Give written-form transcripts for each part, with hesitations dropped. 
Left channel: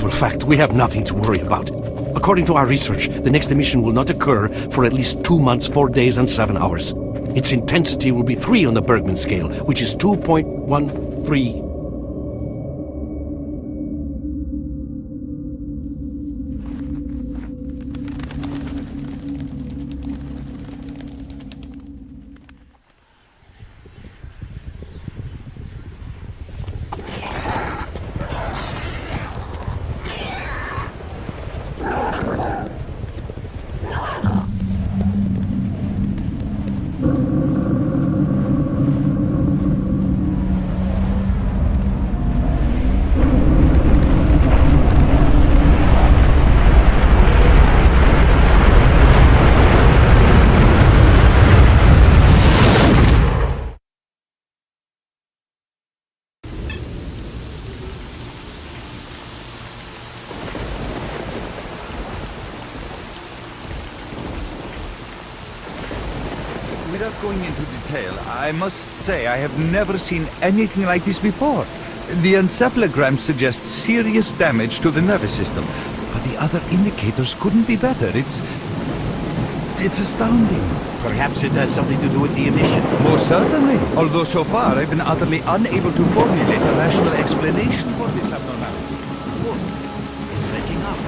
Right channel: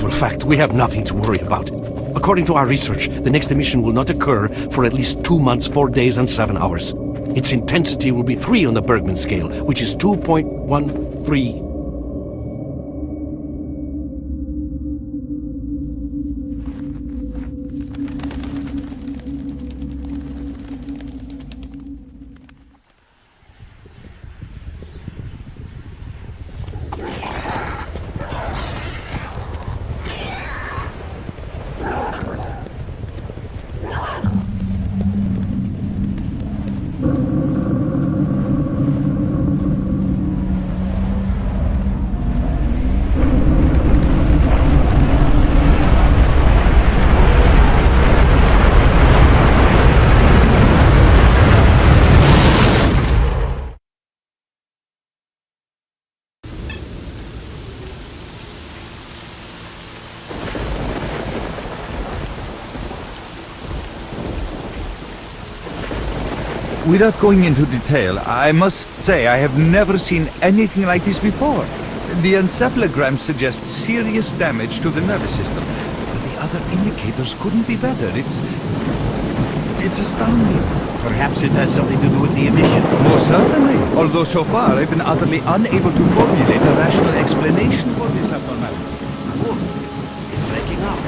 actual fact, we have nothing to worry about. According to our research, the next emission will not occur for at least 2 months, 4 days, and 7 hours. Its intensity will be 3 on the Bergman scale, which is 2.13. Without going into detail, I must say I have never seen anything like this before. The encephalogram suggests serious damage to the nervous system, but the other indicators couldn't be better. It's astounding. Perhaps it has something to do with the emission. Most certainly, although so far I've been utterly unable to formulate a rational explanation for this abnormality. Look, it's waking up.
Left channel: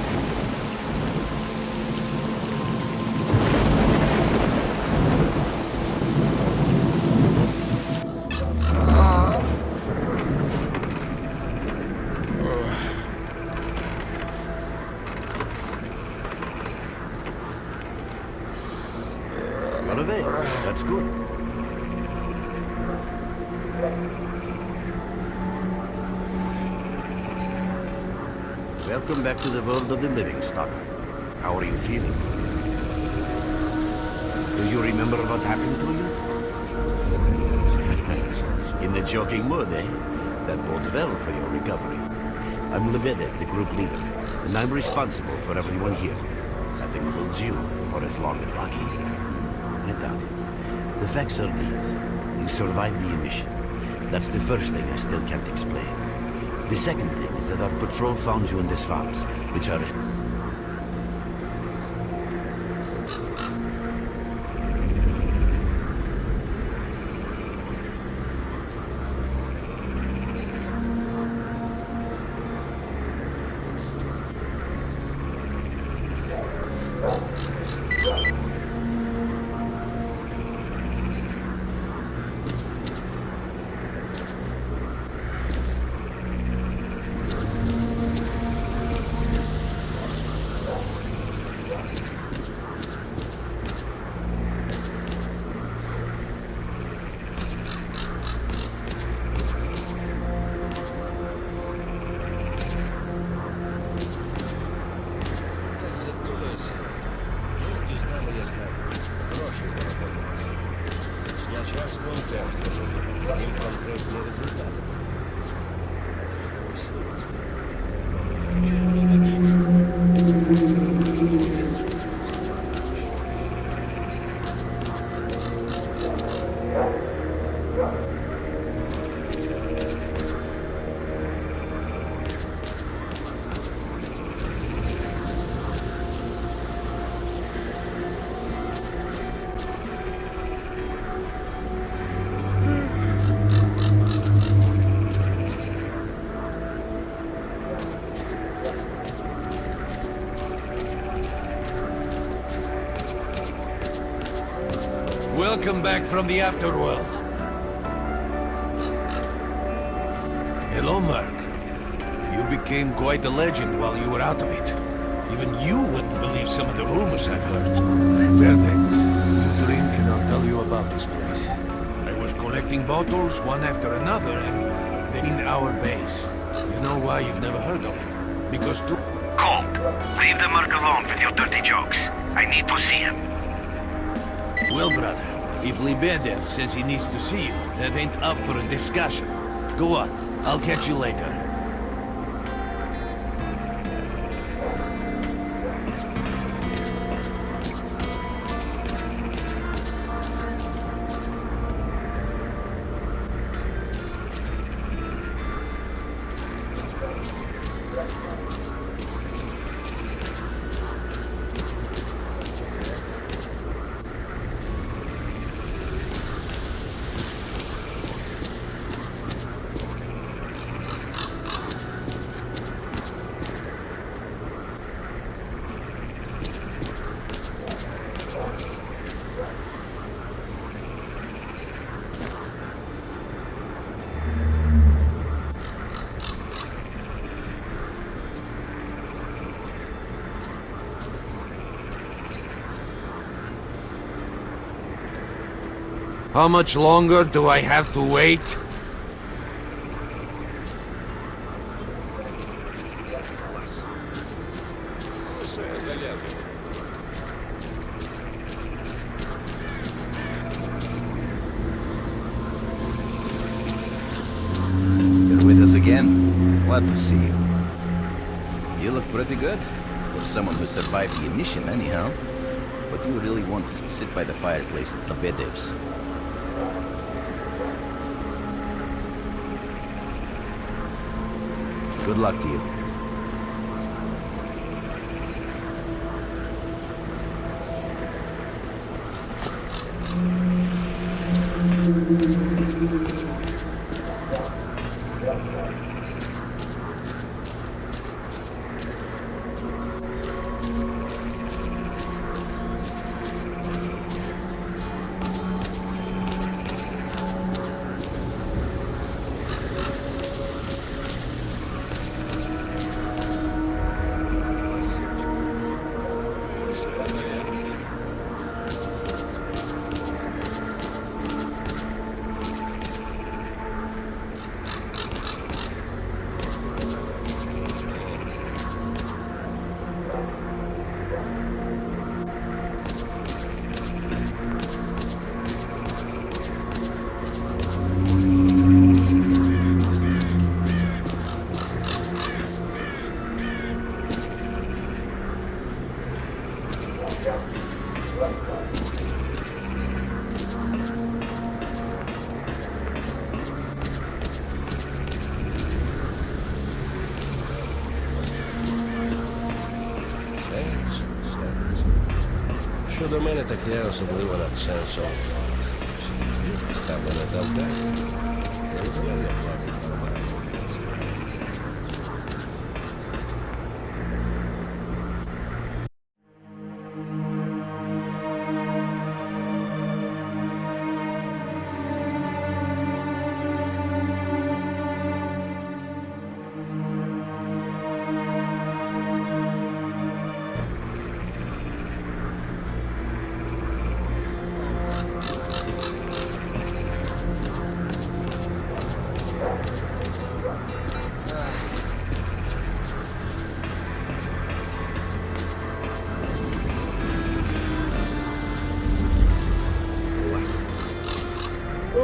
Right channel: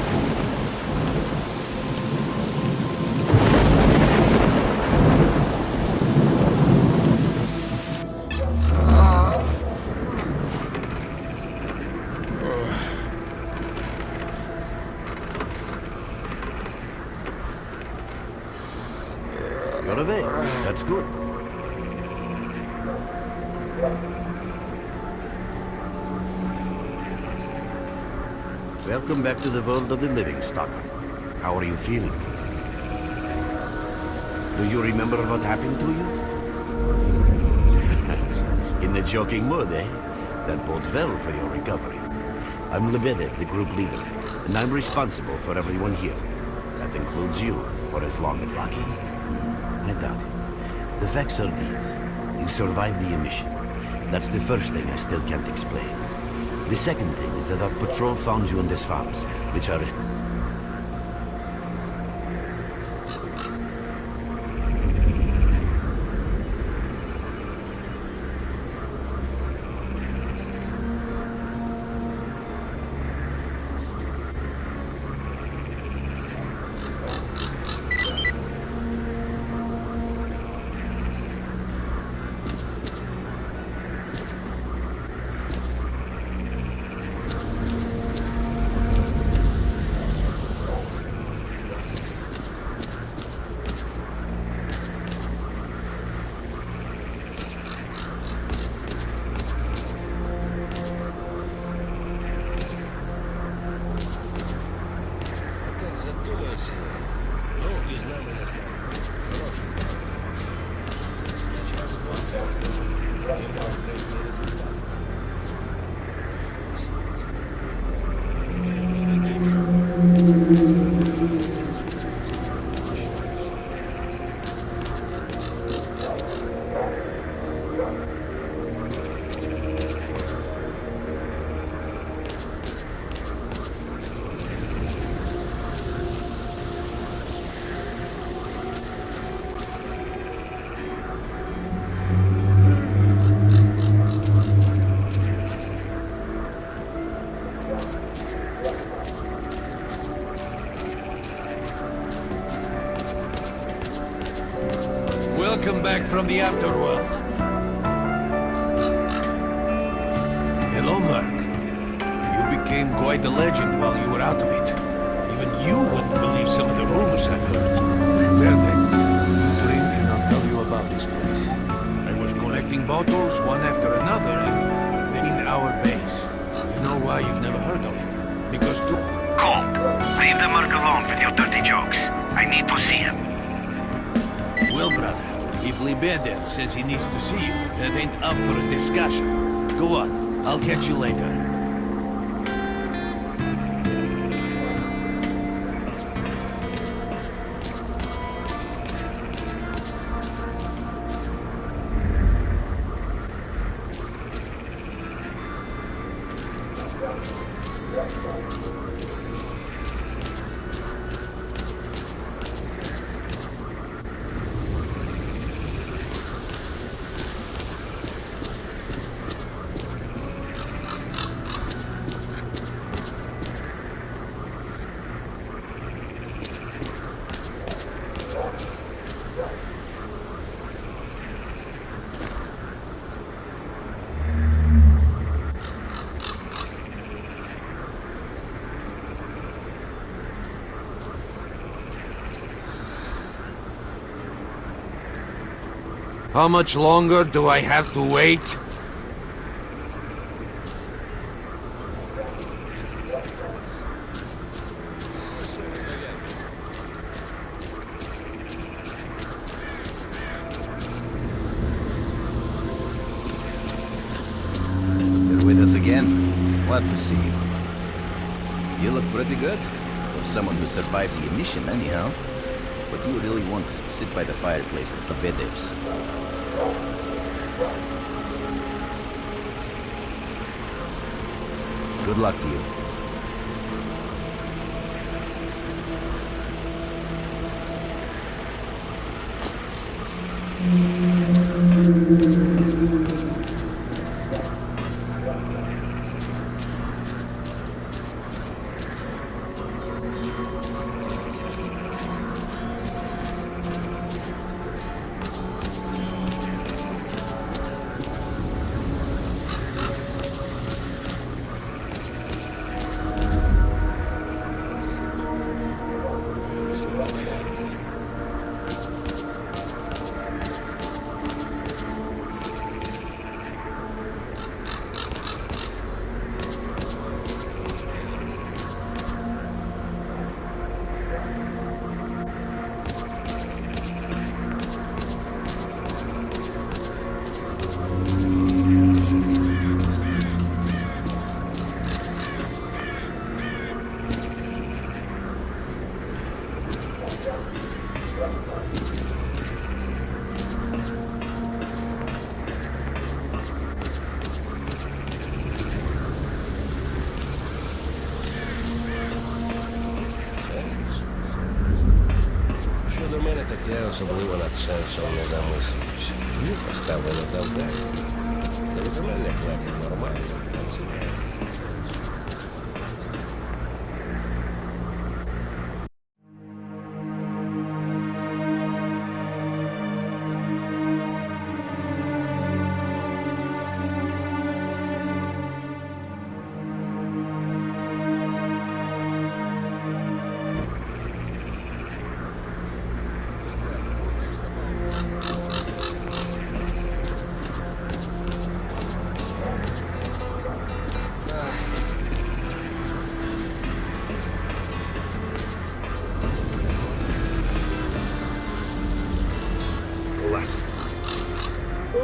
You're awake. That's good. Welcome back to the world of the living, Stalker. How are you feeling? Do you remember what happened to you? In the joking mood, eh? That bodes well for your recovery. I'm Lebedev, the group leader, and I'm responsible for everyone here. That includes you, for as long as lucky. I doubt it. The facts are these. You survived the emission. That's the first thing I still can't explain. The second thing is that our patrol found you in the swamps, which are... Welcome back from the afterworld. Hello, Mark. You became quite a legend while you were out of it. Even you wouldn't believe some of the rumors I've heard. Well then, you drink and I'll tell you about this place. I was collecting bottles one after another in our base. You know why you've never heard of it? Because Cole, leave the Merc alone with your dirty jokes. I need to see him. Well, brother, if Lebedev says he needs to see you, that ain't up for a discussion. Go on, I'll catch you later. How much longer do I have to wait? You're with us again? Glad to see you. You look pretty good. For someone who survived the emission, anyhow. What you really want is to sit by the fireplace at Lebedev's. Good luck to you. Щодо мене, так я особливо над сенсом не замислився.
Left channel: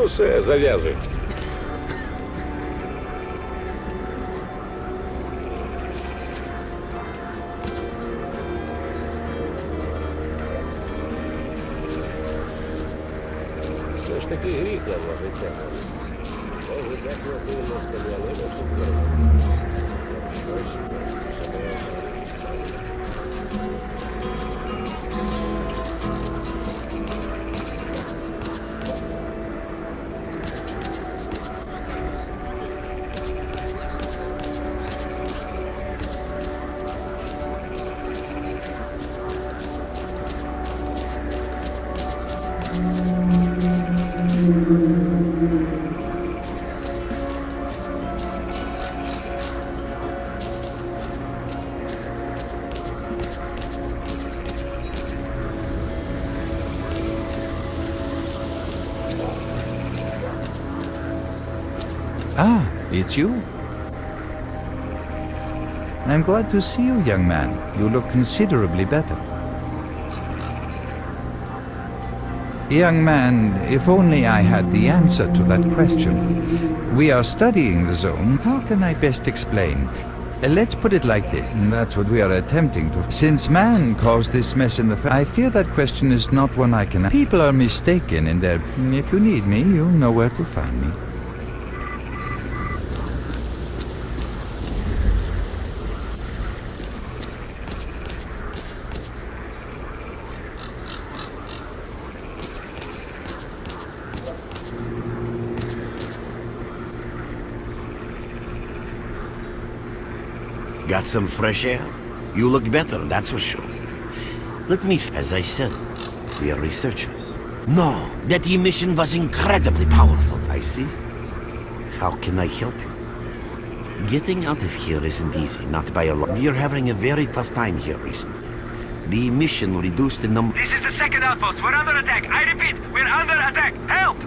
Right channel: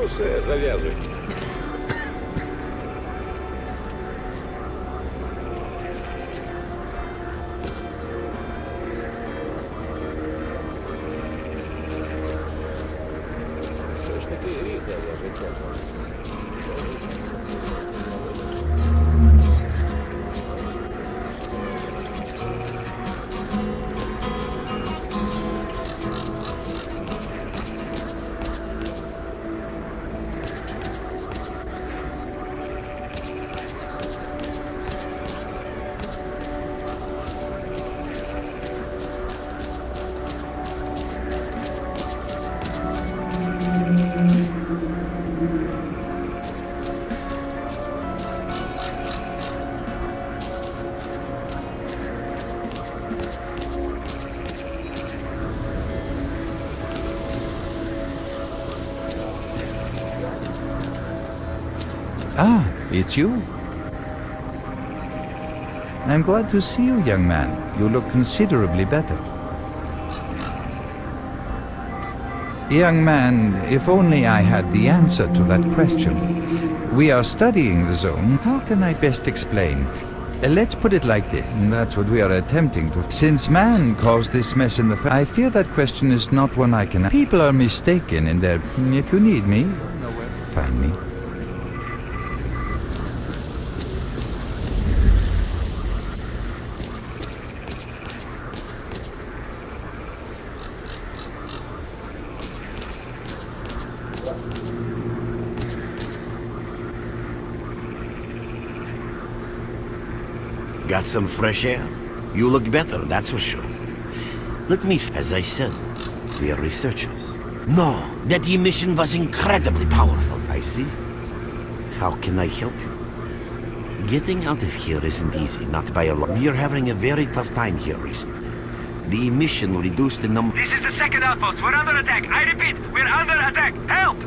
Усе, зав'язуй. Ah, it's you. I'm glad to see you, young man. You look considerably better. Young man, if only I had the answer to that question. We are studying the zone. How can I best explain? Let's put it like this. That's what we are attempting to. Since man caused this mess in the I fear that question is not one I can. People are mistaken in their. If you need me, you know where to find me. Got some fresh air? You look better, that's for sure. Let me, as I said, we are researchers. No, that emission was incredibly powerful, I see. How can I help you? Getting out of here isn't easy, not by a lot. We are having a very tough time here recently. The emission reduced the number... This is the second outpost. We're under attack. I repeat, we're under attack. Help!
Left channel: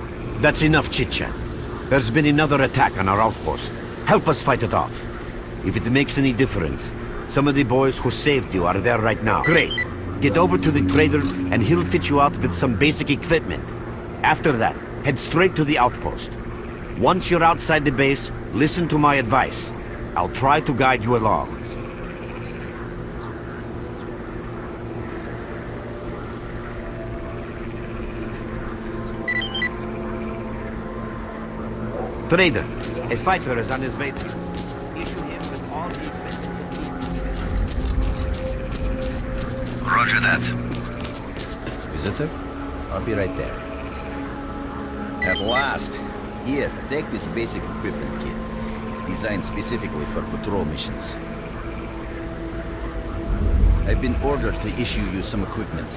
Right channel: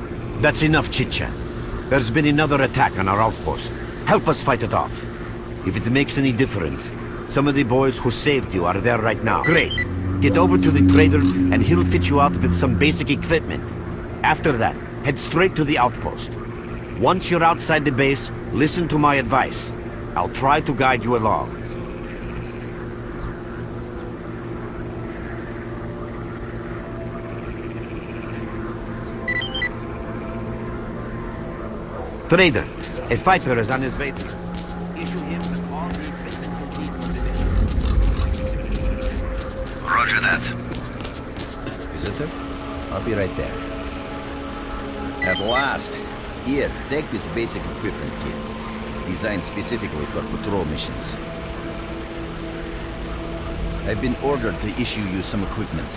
That's enough chit-chat. There's been another attack on our outpost. Help us fight it off. If it makes any difference, some of the boys who saved you are there right now. Great. Get over to the trader and he'll fit you out with some basic equipment. After that, head straight to the outpost. Once you're outside the base, listen to my advice. I'll try to guide you along. Trader, a fighter is on... Roger that. Visitor? I'll be right there. At last! Here, take this basic equipment kit. It's designed specifically for patrol missions. I've been ordered to issue you some equipment.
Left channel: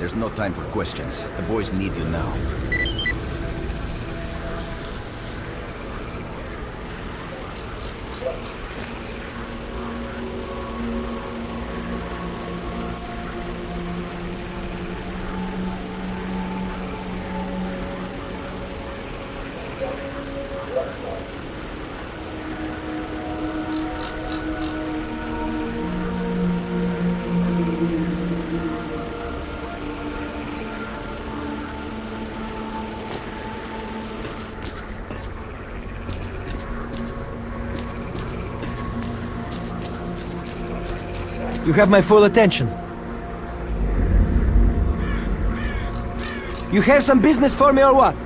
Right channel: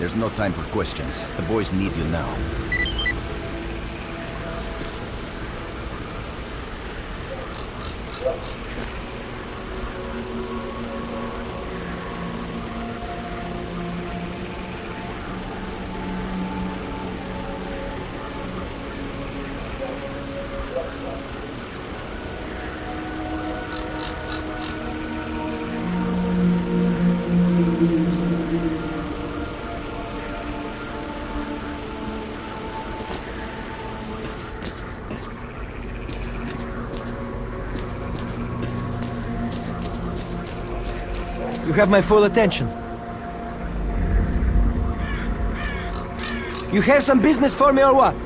There's no time for questions. The boys need you now. You have my full attention. You have some business for me or what?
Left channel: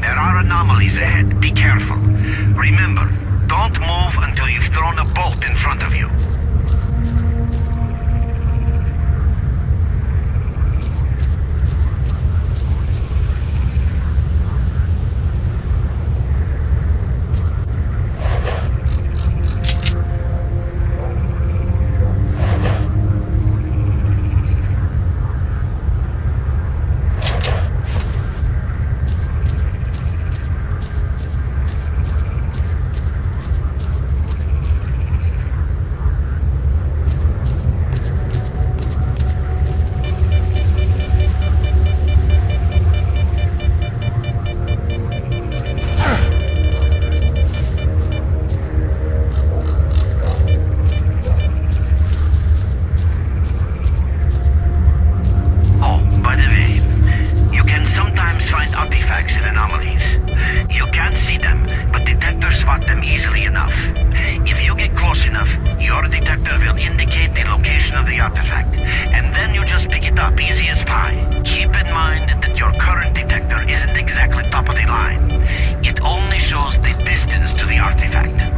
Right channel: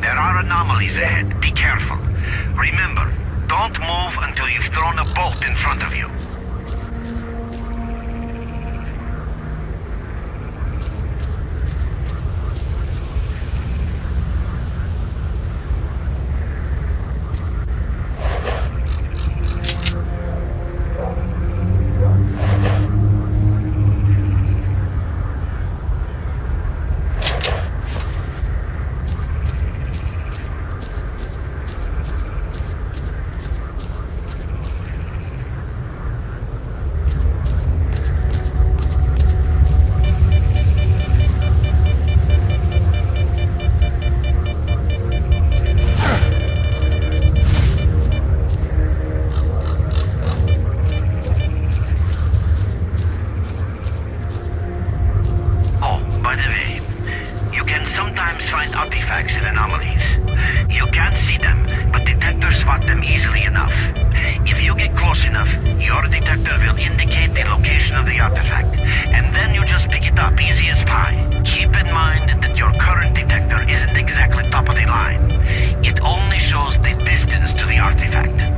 There are anomalies ahead. Be careful. Remember, don't move until you've thrown a bolt in front of you. Find artifacts and anomalies. You can't see them, but detectors spot them easily enough. If you get close enough, your detector will indicate the location of the artifact, and then you just pick it up easy as pie. Keep in mind that your current detector isn't exactly top of the line. It only shows the distance to the artifact.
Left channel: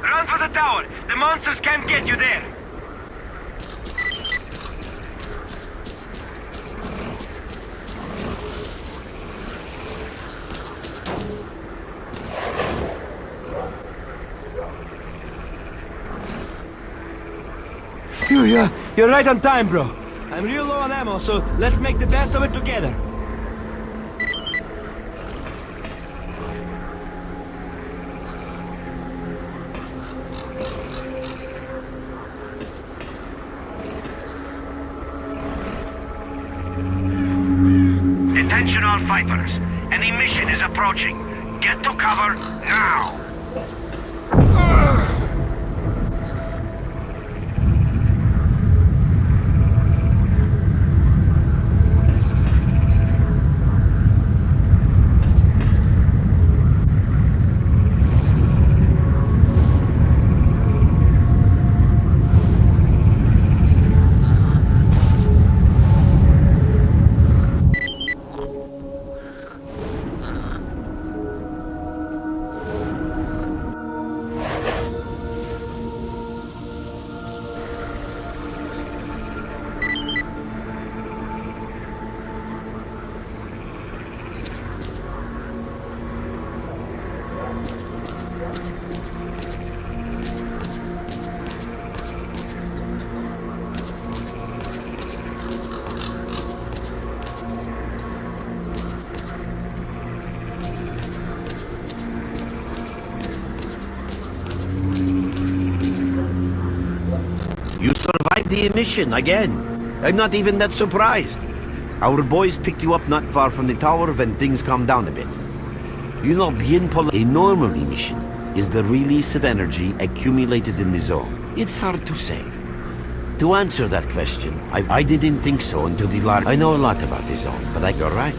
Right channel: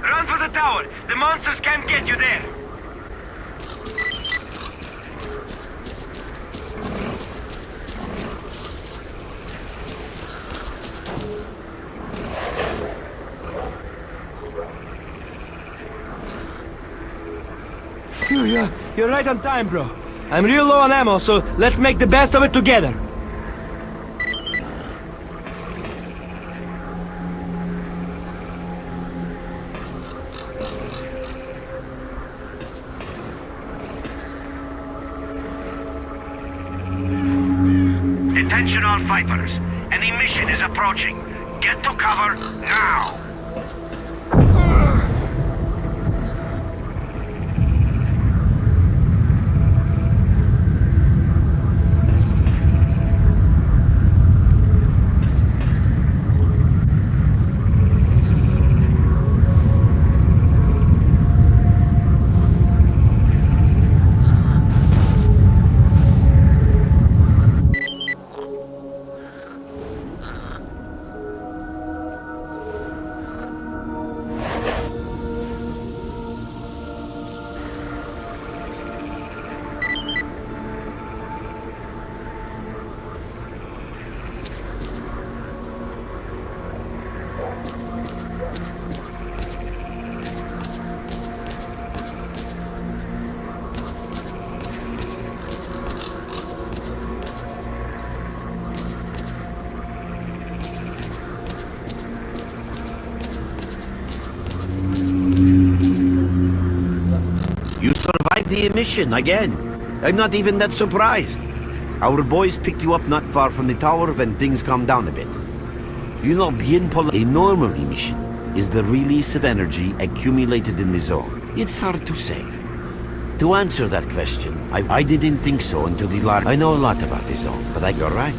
Run for the tower! The monsters can't get you there! You're right on time, bro. I'm real low on ammo, so let's make the best of it together. Attention all fighters. An emission is approaching. Get to cover now! You survived the emission again. I'm not even that surprised. Our boys picked you up not far from the tower when things calmed down a bit. You know, a normal emission is the release of energy accumulated in the zone. It's hard to say. To answer that question, I didn't think so until the I know a lot about the zone, but you're right.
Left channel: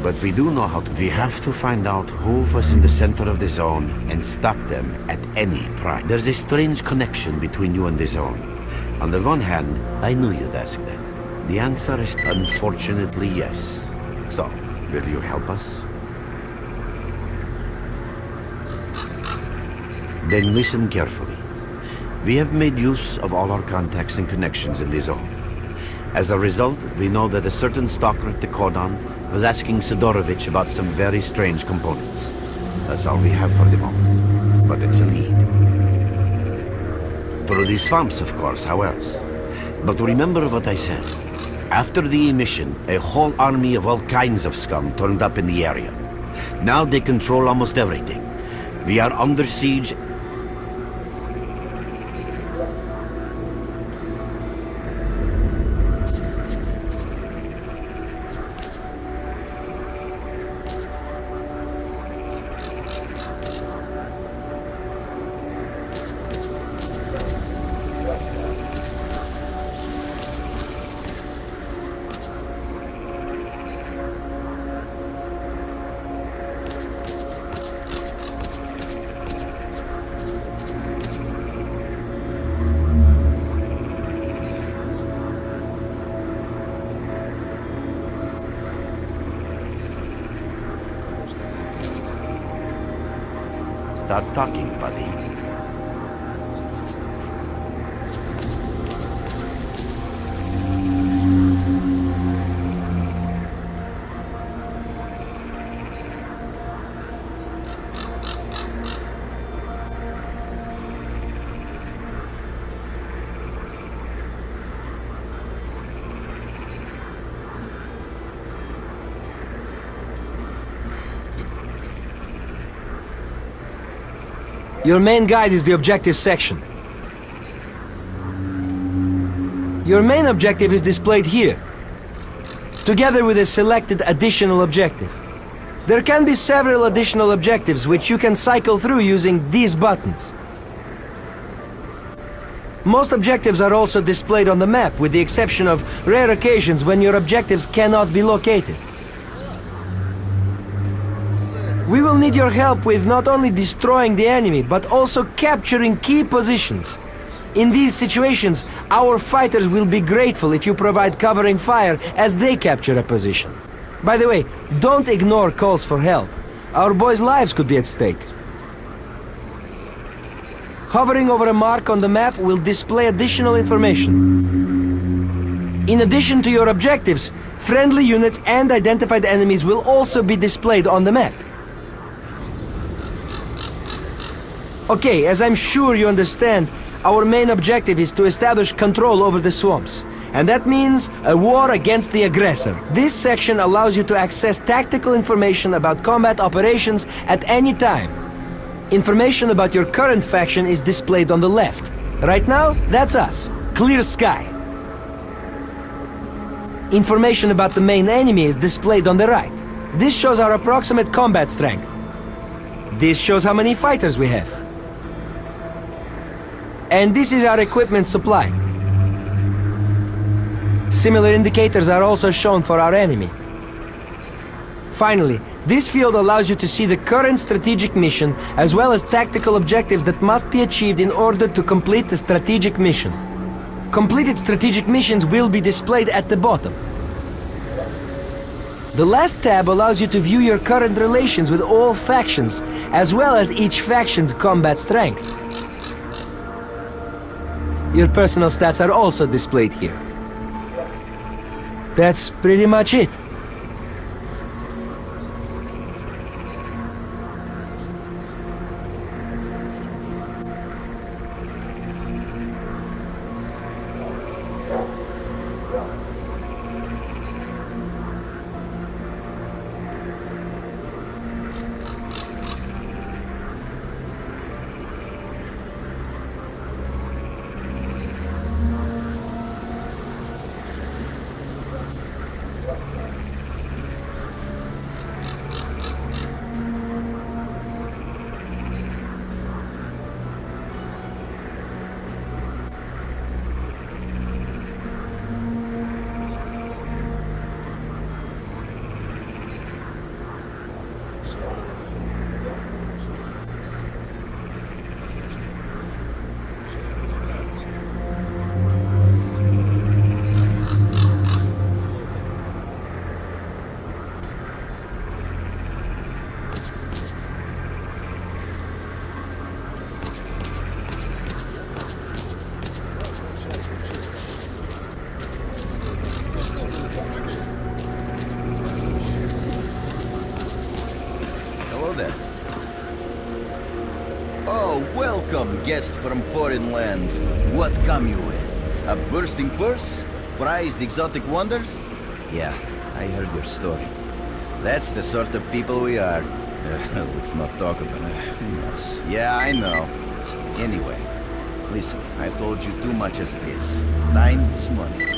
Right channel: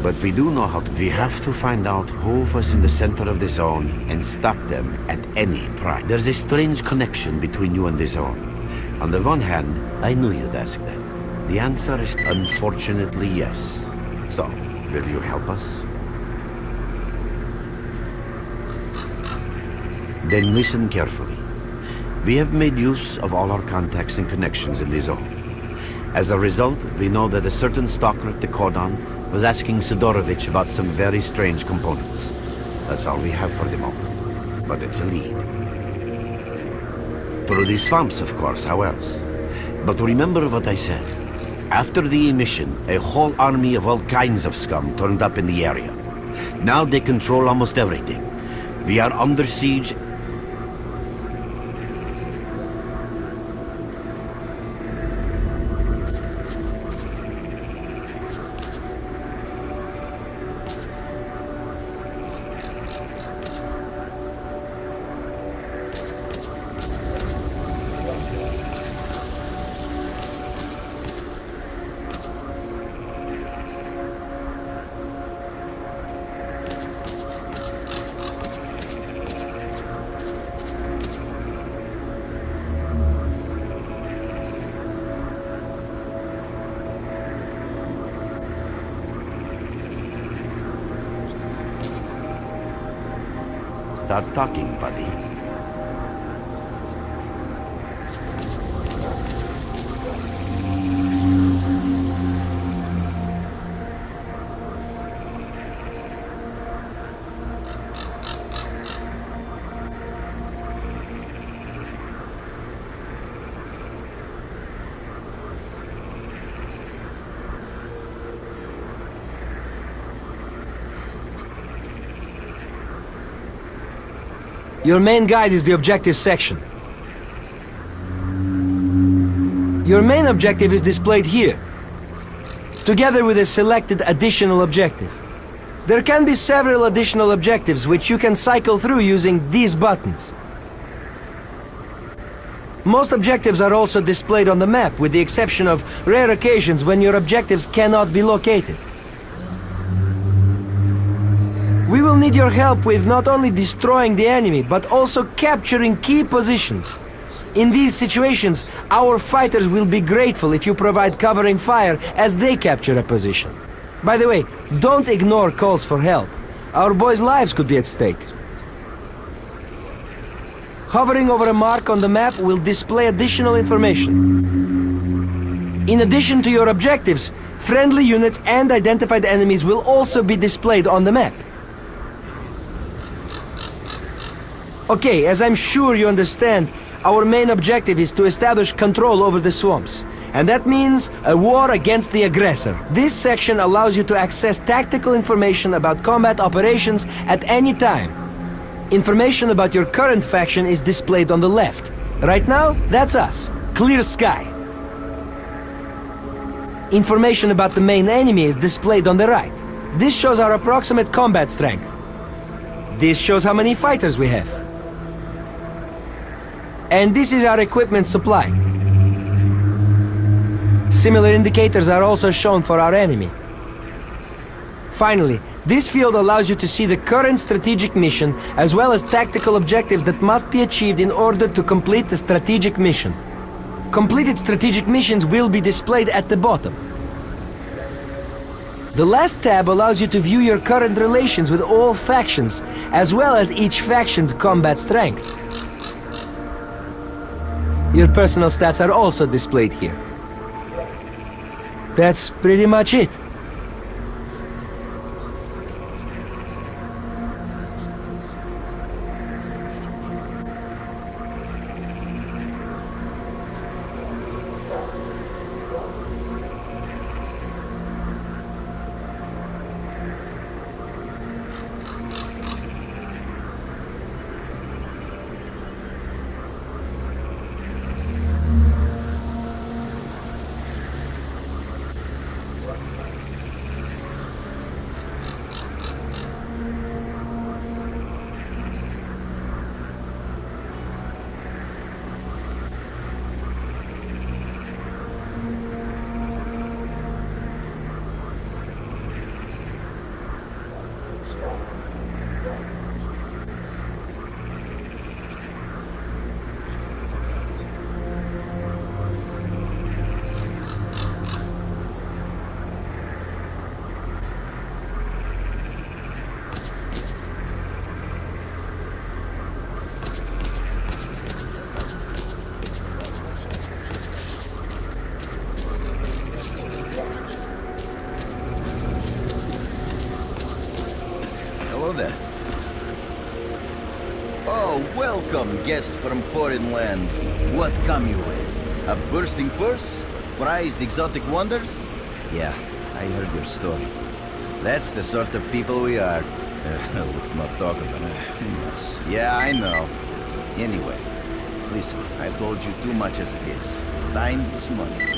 But we do know we have to find out who was in the center of the zone and stop them at any price. There's a strange connection between you and the zone. On the one hand, I knew you'd ask that. The answer is unfortunately yes. So, will you help us? Then listen carefully. We have made use of all our contacts and connections in the zone. As a result, we know that a certain stalker at the cordon was asking Sidorovich about some very strange components. That's all we have for the moment. But it's a lead. Through the swamps, of course, how else? But remember what I said. After the emission, a whole army of all kinds of scum turned up in the area. Now they control almost everything. We are under siege. Start talking, buddy. Your main guide is the objective section. Your main objective is displayed here, together with a selected additional objective. There can be several additional objectives which you can cycle through using these buttons. Most objectives are also displayed on the map, with the exception of rare occasions when your objectives cannot be located. We will need your help with not only destroying the enemy, but also capturing key positions. In these situations, our fighters will be grateful if you provide covering fire as they capture a position. By the way, don't ignore calls for help. Our boys' lives could be at stake. Hovering over a mark on the map will display additional information. In addition to your objectives, friendly units and identified enemies will also be displayed on the map. Okay, as I'm sure you understand, Our main objective is to establish control over the swamps, and that means a war against the aggressor. This section allows you to access tactical information about combat operations at any time. Information about your current faction is displayed on the left. Right now, that's us. Clear sky. Information about the main enemy is displayed on the right. This shows our approximate combat strength. This shows how many fighters we have. And this is our equipment supply. Similar indicators are also shown for our enemy. Finally, this field allows you to see the current strategic mission as well as tactical objectives that must be achieved in order to complete the strategic mission. Completed strategic missions will be displayed at the bottom. The last tab allows you to view your current relations with all factions, as well as each faction's combat strength. Your personal stats are also displayed here. That's pretty much it. Hello there. Oh, welcome, guest from foreign lands. What come you with? A bursting purse? Prized exotic wonders? Yeah, I heard your story. That's the sort of people we are. Let's not talk about it. Who knows? Yeah, I know. Anyway, listen, I told you too much as it is. Time is money.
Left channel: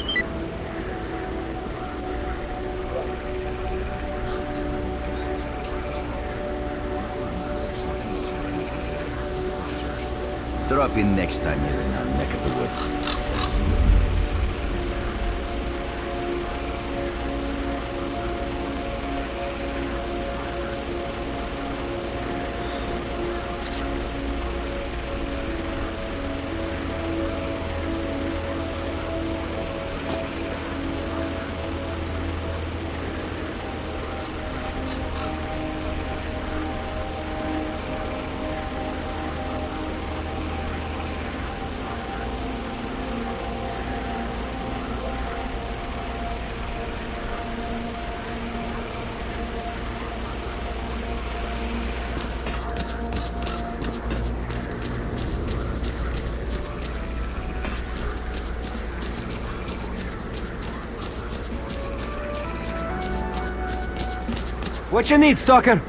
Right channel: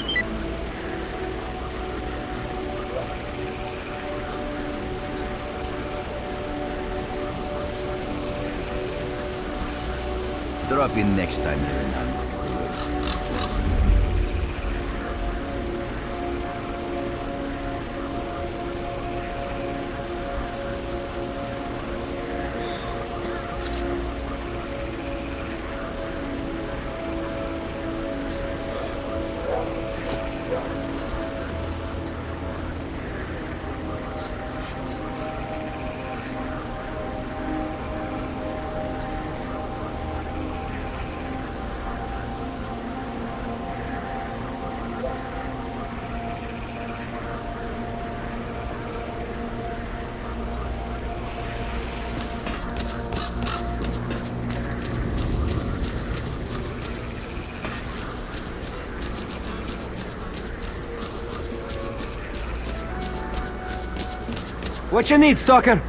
Drop in next time you're in our neck of the woods. What you need, Stalker?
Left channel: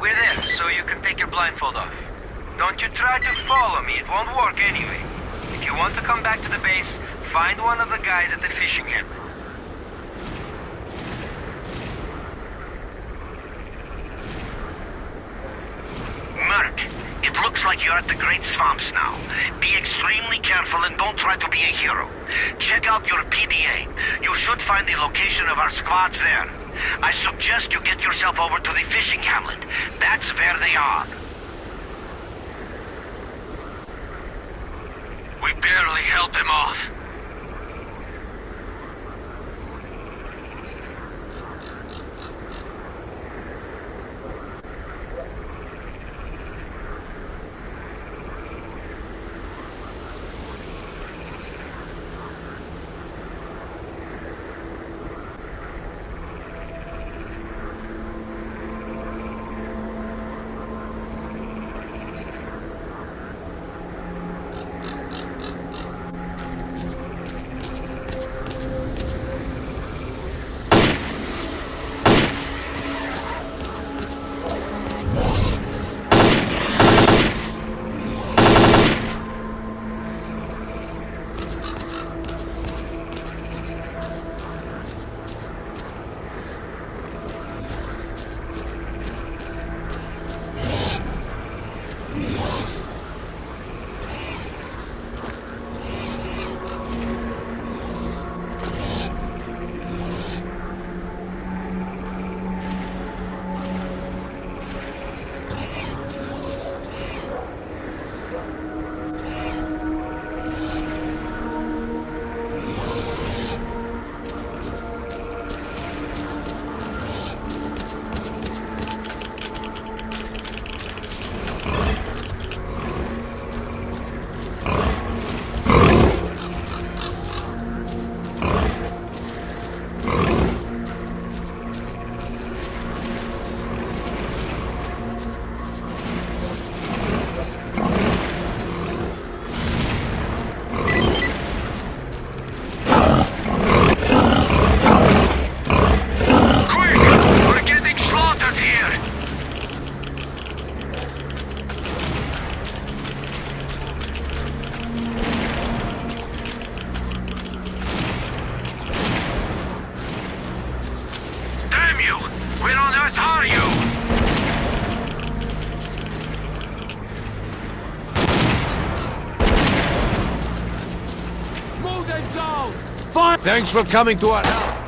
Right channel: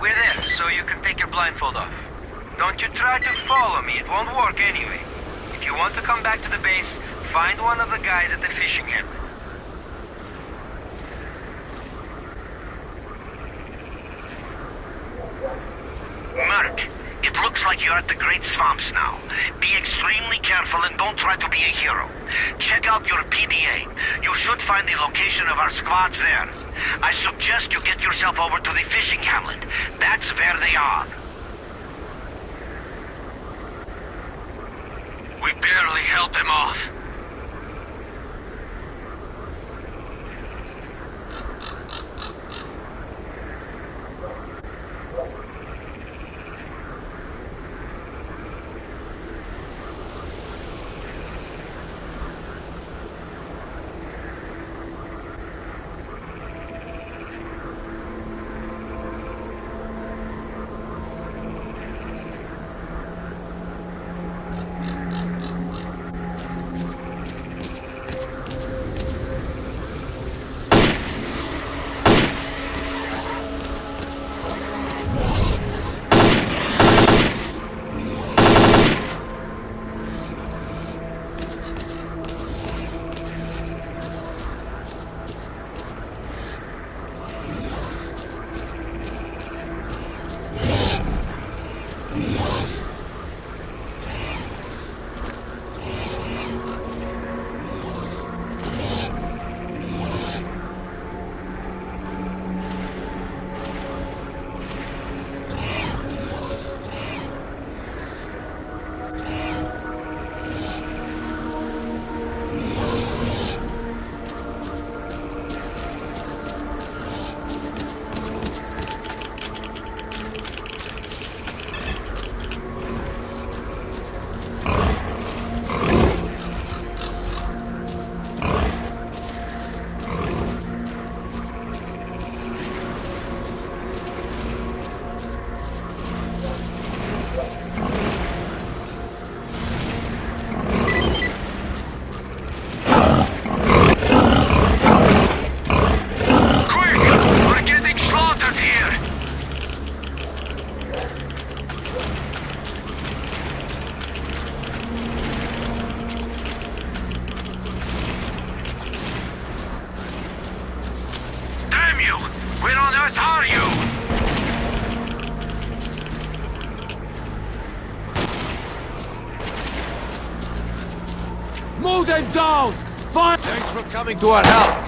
We're there, so you can take your blindfold off. Don't you try to follow me, it won't work anyway. If you want to come back to the base, find one of the guys at the fishing hamlet. Merc, it looks like you're at the Great Swamps now. Be extremely careful and don't try to be a hero. Check out your PDA. You should find the location of our squads there. I suggest you get yourself over to the fishing hamlet. That's where they are. We barely held them off. Where on earth are you? Mow them down! Fire! Thanks for coming to our help.